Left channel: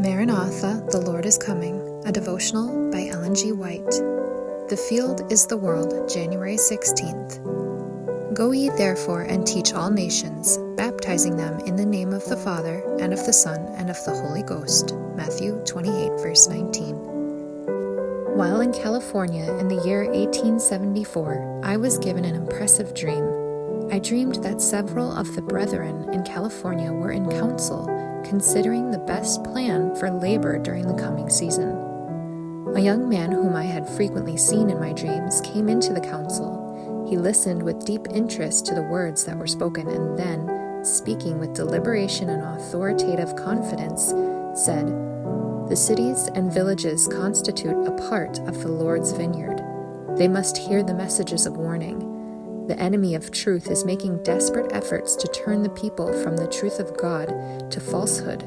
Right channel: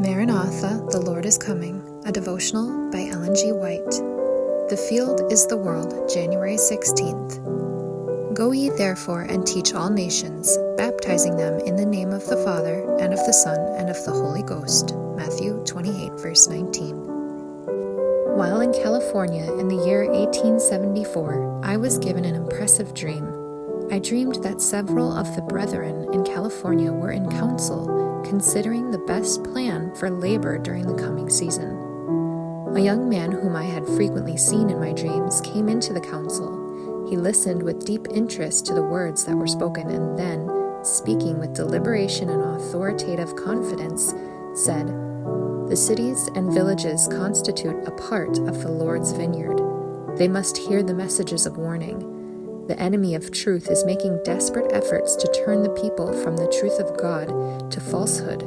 Maranatha, the Lord is Coming, a devotional by Ellen G. White. The Field is the World, January 16th. Go ye therefore and teach all nations, baptizing them in the name of the Father, and of the Son, and of the Holy Ghost. Matthew 28, verse 19. While in California in the year 1874, I was given an impressive dream. I dreamed that several of the brethren in California were in council, considering the best plan for labor during the coming season. A young man whom I had frequently seen in my dreams came into the council. He listened with deep interest to the words that were spoken and then, speaking with deliberation and authoritative confidence, said, "The cities and villages constitute a part of the Lord's vineyard. They must hear the messages of warning. The enemy of truth is making desperate efforts to turn the people from the truth of God to falsehood.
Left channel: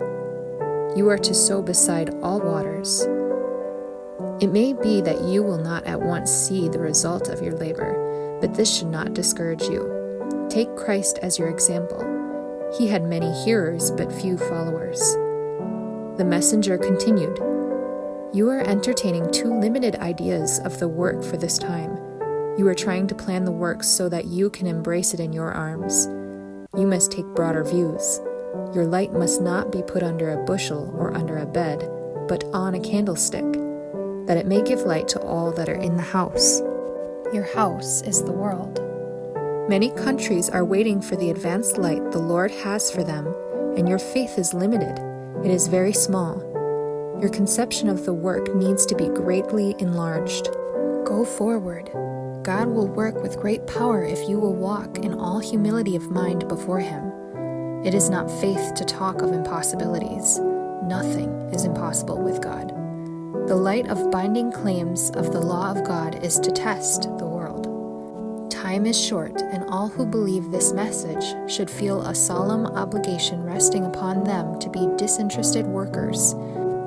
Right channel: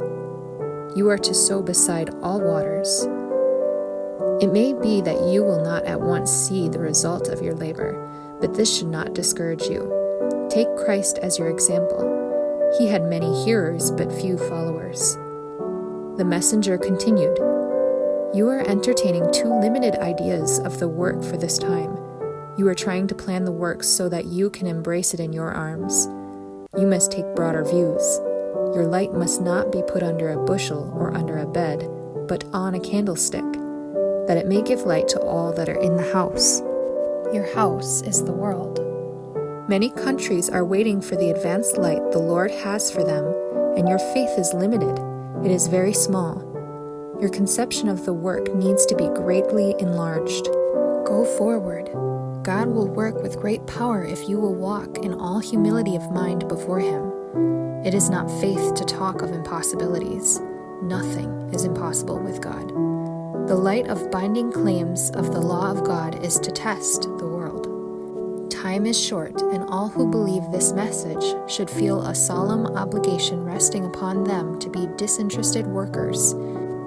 You are to sow beside all waters. It may be that you will not at once see the result of your labor, but this should not discourage you. Take Christ as your example. He had many hearers but few followers." The messenger continued, "You are entertaining too limited ideas of the work for this time. You are trying to plan the work so that you can embrace it in your arms. You must take broader views. Your light must not be put under a bushel or under a bed, but on a candlestick, that it may give light to all that are in the house. Your house is the world. Many countries are waiting for the advanced light the Lord has for them, and your faith is limited. It is very small. Your conception of the work needs to be greatly enlarged. Go forward. God will work with great power if you will walk in all humility of mind before Him. It is not faith to talk of impossibilities. Nothing is impossible with God. The light of binding claims of the law of God is to test the world. Time is short, and all who believe this message should feel a solemn obligation resting upon them to be disinterested workers,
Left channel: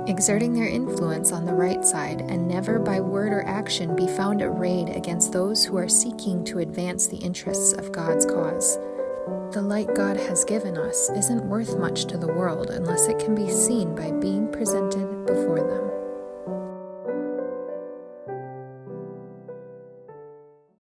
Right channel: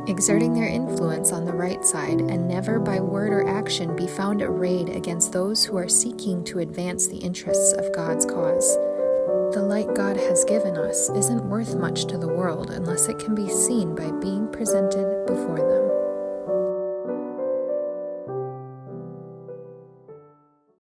exerting their influence on the right side, and never by word or action be found arrayed against those who are seeking to advance the interests of God's cause. The light God has given us isn't worth much to the world unless it can be seen by being presented before them.